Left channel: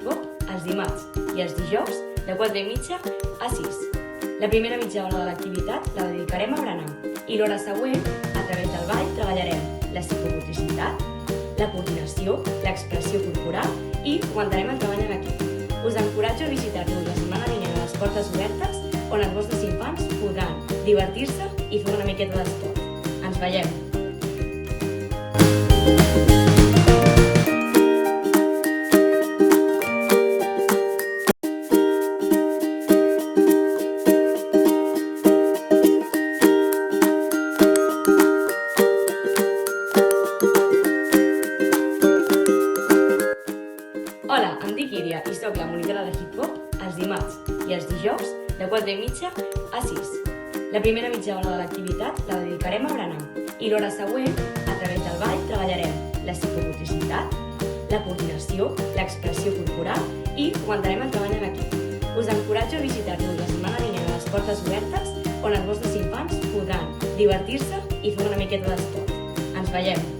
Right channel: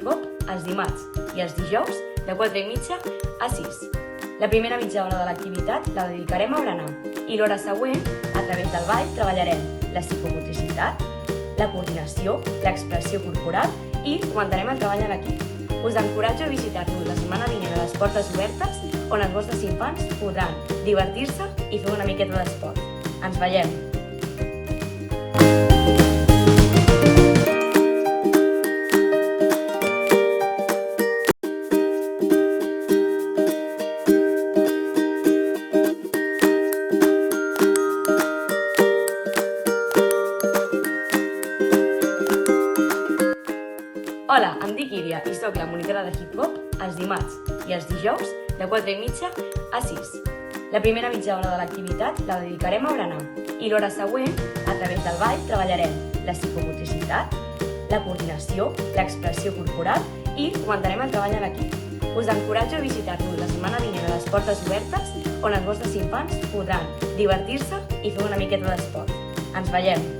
hip-hop els dimarts i els dijous de 4:30 a 6. La primera mitja hora de l'activitat la dedicarem a berenar i l'hora següent, a través del ball, treballarem la psicomotricitat, la coordinació, l'expressió corporal i fomentarem el treball en equip. Us encoratjo a visitar-nos la setmana vinent a les portes obertes, on els vostres infants podran divertir-se i fer una miqueta d'esport. Ens veiem! Hola, em dic Iria i soc la monitora de hip-hop els dimarts i els dijous de 4:30 a 6. La primera mitja hora de l'activitat la dedicarem a berenar i l'hora següent, a través del ball, treballarem la psicomotricitat, la coordinació, l'expressió corporal i fomentarem el treball en equip. Us encoratjo a visitar-nos la setmana vinent a les portes obertes, on els vostres infants podran divertir-se i fer una miqueta d'esport. Ens veiem!